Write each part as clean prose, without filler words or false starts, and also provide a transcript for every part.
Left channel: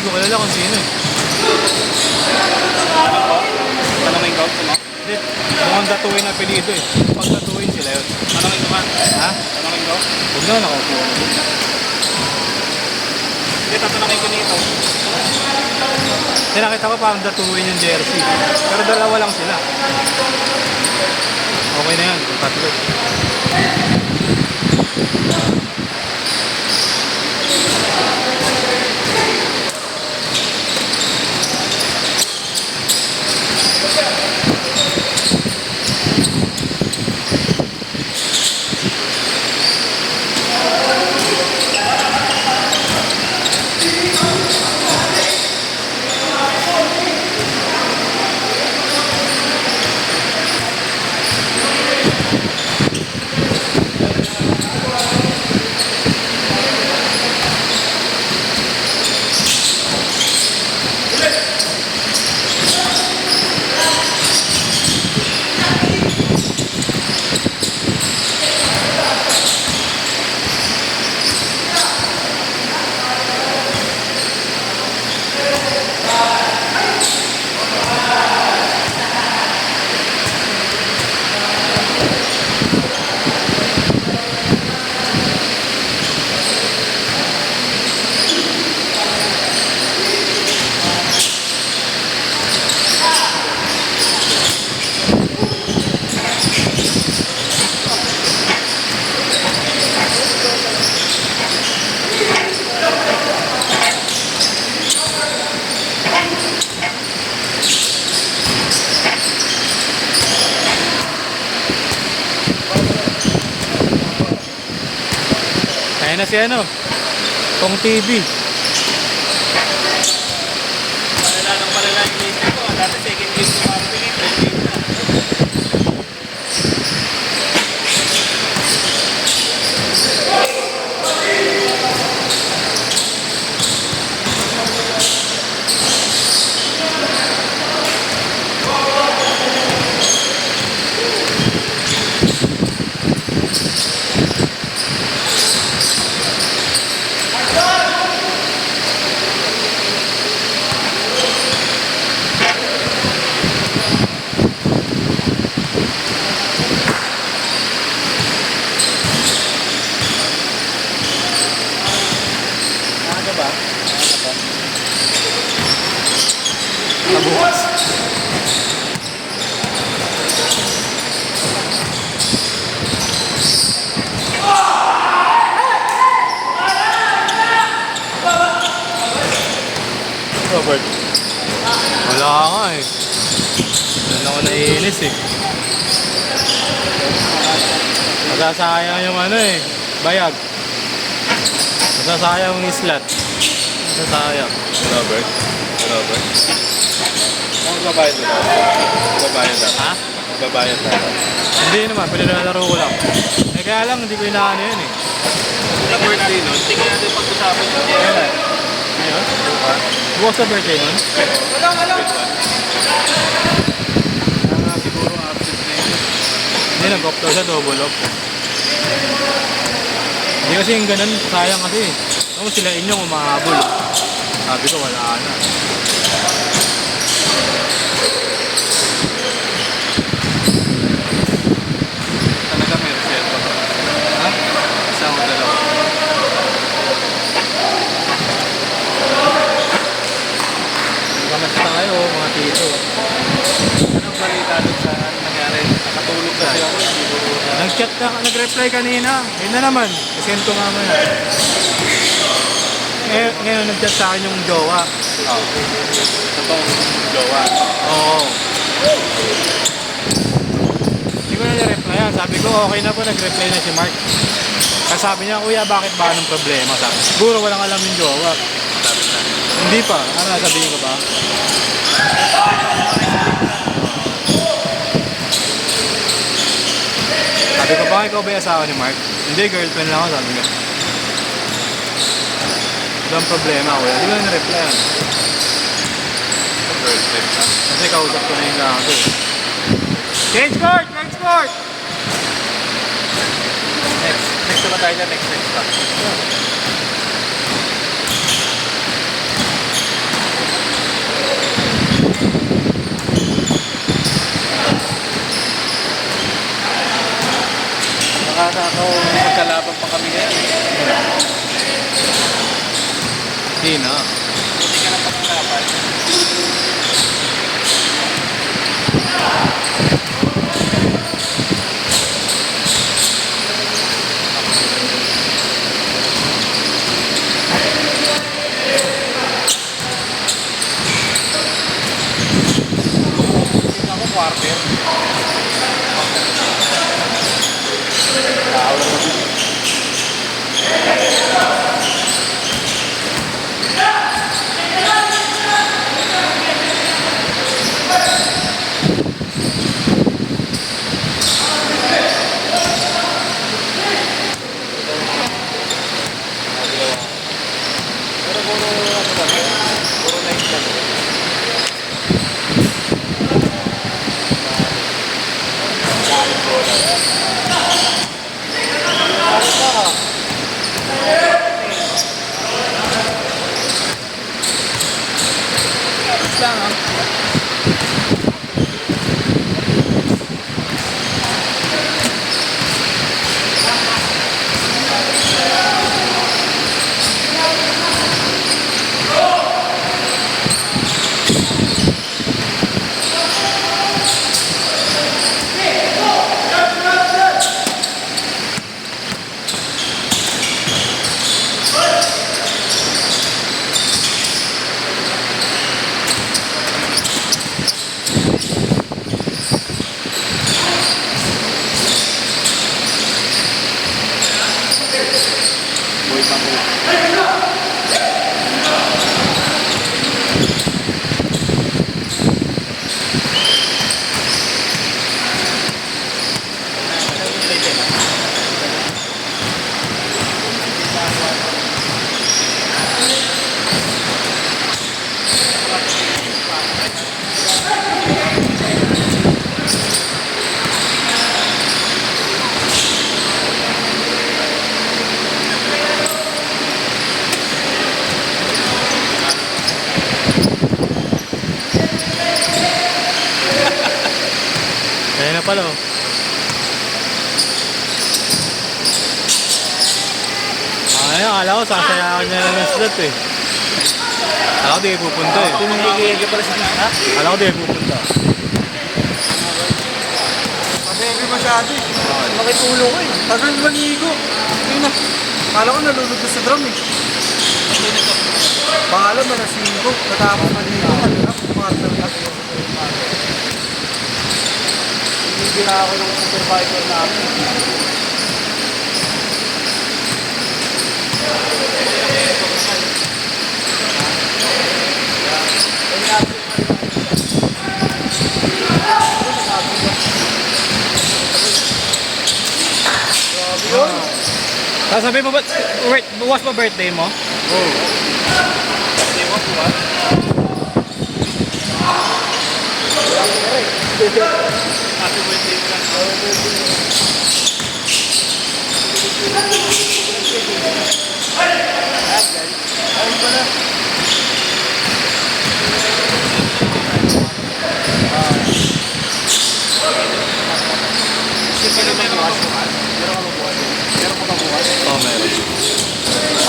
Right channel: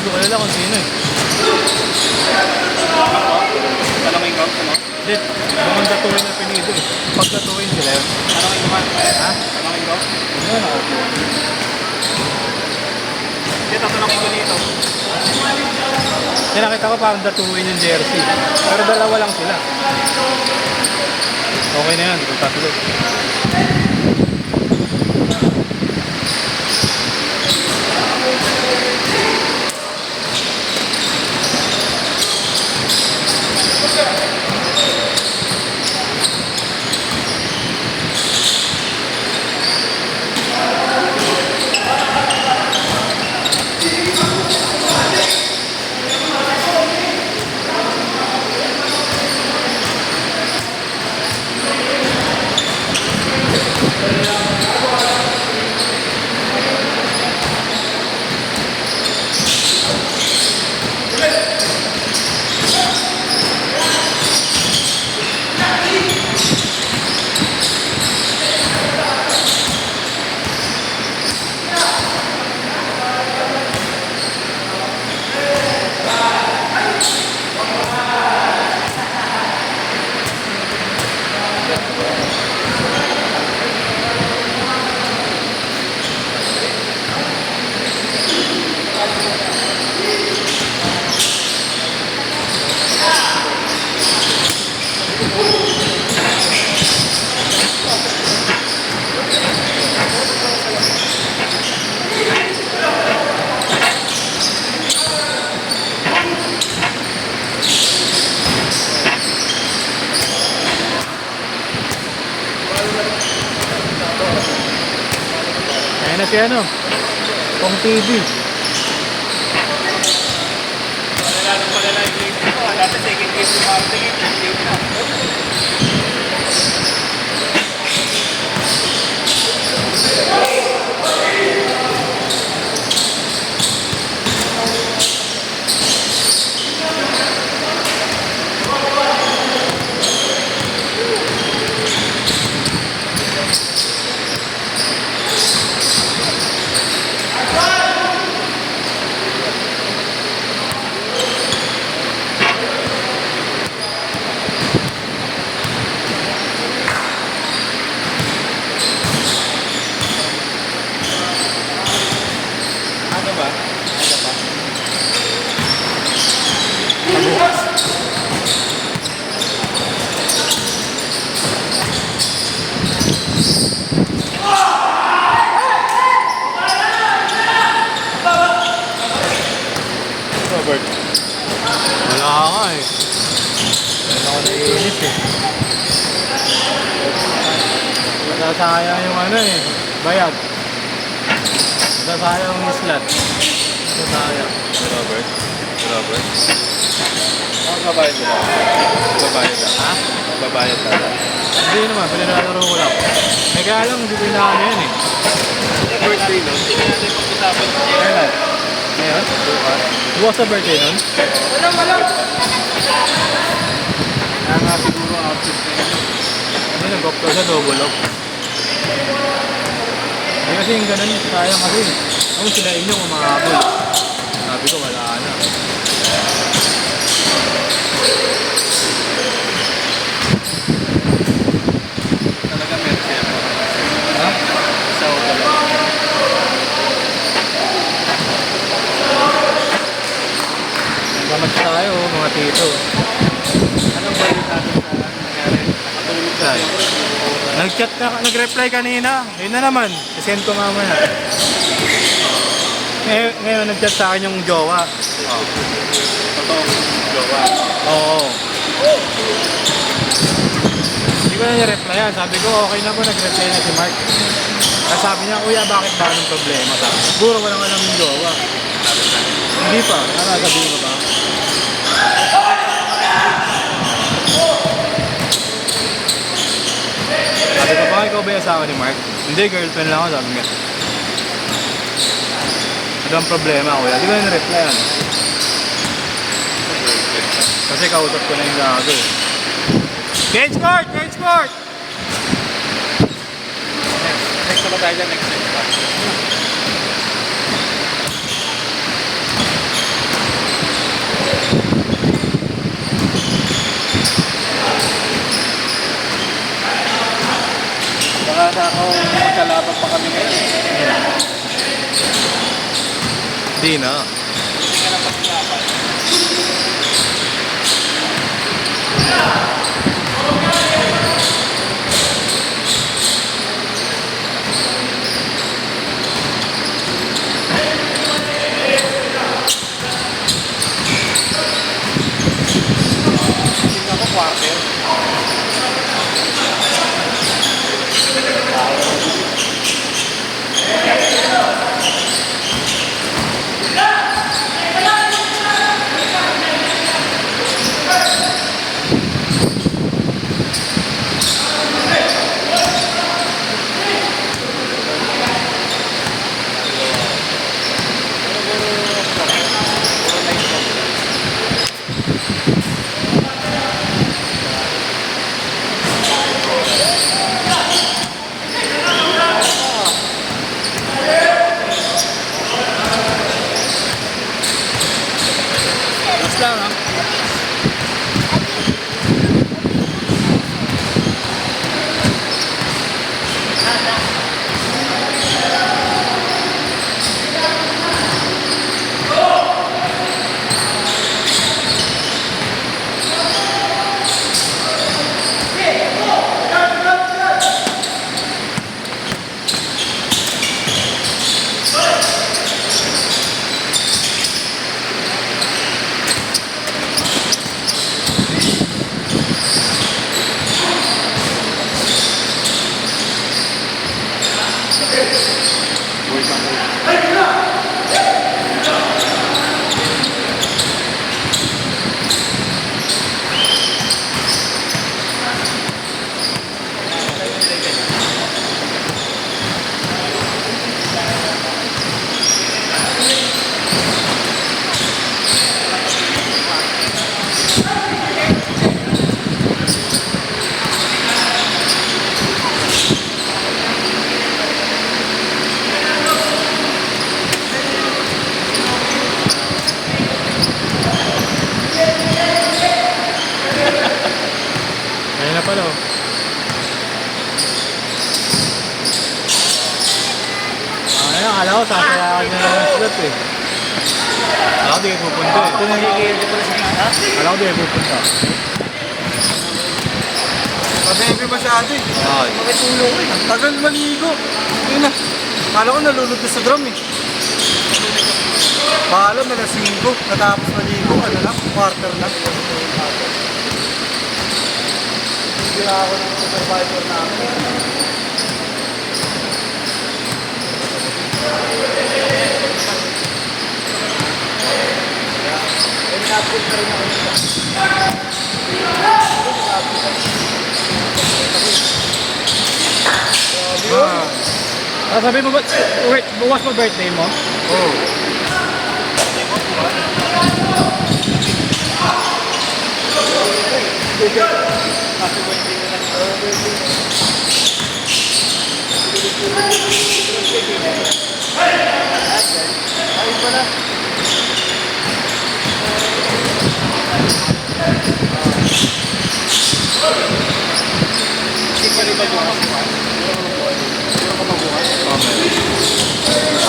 Hindi ko kilala kung sino eh. Malamay count mo? Hindi, mukhang datuin ang apelido eh. Pag datuin sila eh. Malamay count? Ha? Malamay count? Hindi na. Dito malamay ka dito. Hindi nakita ko parang datuin yung jersey. Pero dalawa lang sila. Okay na yan, kung tatlo. Ayan na si ano, Pong TV. Palala yung list ko. Dati second list ko. Ano ba? Nabukas. Robert. Wala nga eh. Wala ko naiinis eh. Nasasayang yung ano eh, bayad. Nasasayang yung slot. Nasasayang. Robert. Robert. Ano babayad nila? Babayad na. Ha? Babayad na. Hindi naman, pinalaro ko lang. Eh kaya lang, hindi ko inaano yun eh. Sa birthday nun, sige natin pag-usapin ko. Ano? Bukas sa birthday nun? Ano siguro outfit na yun? Hindi, nag-off siya, double off. Hindi kasi yung ganun, sayang kasi. Ano sila inyo kung mga habol. Sabi ko, wala na. Talaga may respeto. Ha? Isa o dalawa. Gamas tayo, mga tito. Anong balita doon sa nangyari? Nakatulog kasi ako. Hindi ko Nag-chat pa, nag-reply kanina. Ayun na naman, isend ko nga muna. Ngayon, nag-chat sa akin yung jowa. totoong jowa. Oo. Hindi ko nag-replyan. Sabi ko, okay na po, nag-reply na si Mark. Ang sabi niya, kuya, bakit ba yung problema? Sabi, siguro walang alam yung jowa. Hindi pa. Ano, sabihin ko ba? Sabi ko, bakit ikaw ba yung asawa ni Mark? Hindi, girlfriend lang ako, sabi niya. Walang problema, kuya. Hindi ko na replyan. Kasi kausap ko na yung gago. Change court! Change court! Next na ba tayo dyan? Next pa. Magkalaban pa kami ngayon. Hindi na. Hindi ka na pagkalaban. Ako quarter. Ayan na pala oh. Ngayon, akala ko sasayakan niya naman sila eh. Akala ko di pupunta eh. Tumigil ka pala sa ha? Akala ko di pupunta. Mabebi masyado eh. Makitulong ko. Tagal maligo. Ayun na. Kala ko nalulubos sa drum eh. Bahala na nasinggo. Matapos maligo na lang. Quarter na siya. Hindi ako ng supervisor namin. Sabi mo ba, wait, bukas mo birthday mo? Oo.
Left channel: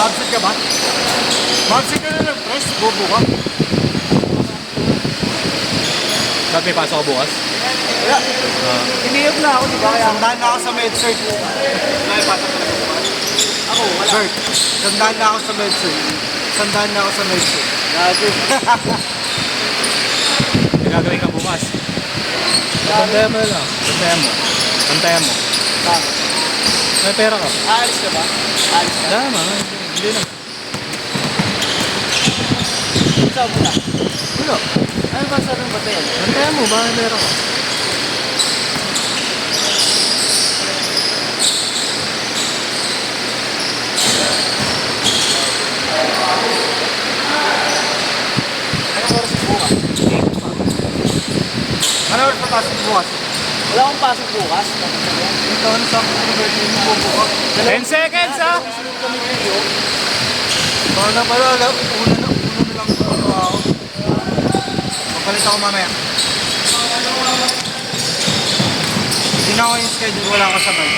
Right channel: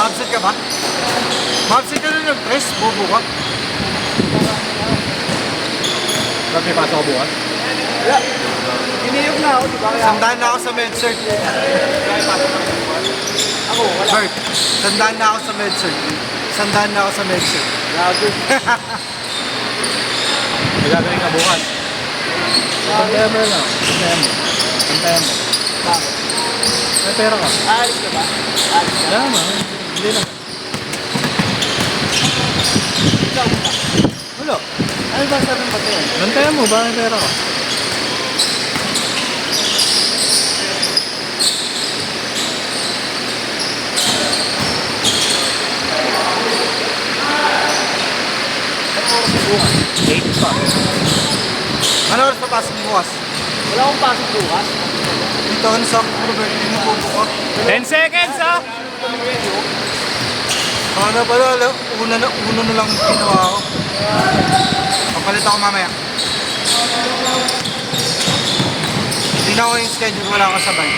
Absent ka ba? Absent ka na nag-press, bobo ka. Ba't may pasok ko bukas? Wala. Hiniyog na ako, diba? Sandaan na ako sa MedCert. Ako, wala. Bert, sandaan na ako sa MedCert. Sandaan na ako sa MedCert. Gago. Magagaling ka bukas. Pantayan mo lang. Pantayan mo. Pantayan mo. Bakit? May pera ka. Aalis ka ba? Aalis ka. Tama. Hindi na. Ikaw muna. Wala. Ano ba sabi mo ba ito? Pantayan mo. Baka may pera ka. Ano oras pa pasok bukas? Wala akong pasok bukas. Ito ang sa 10 seconds ha! Baka na pala, una na lang ginawa ako. Balik ako mamaya. Hindi na ako yung schedule, wala ako sabay.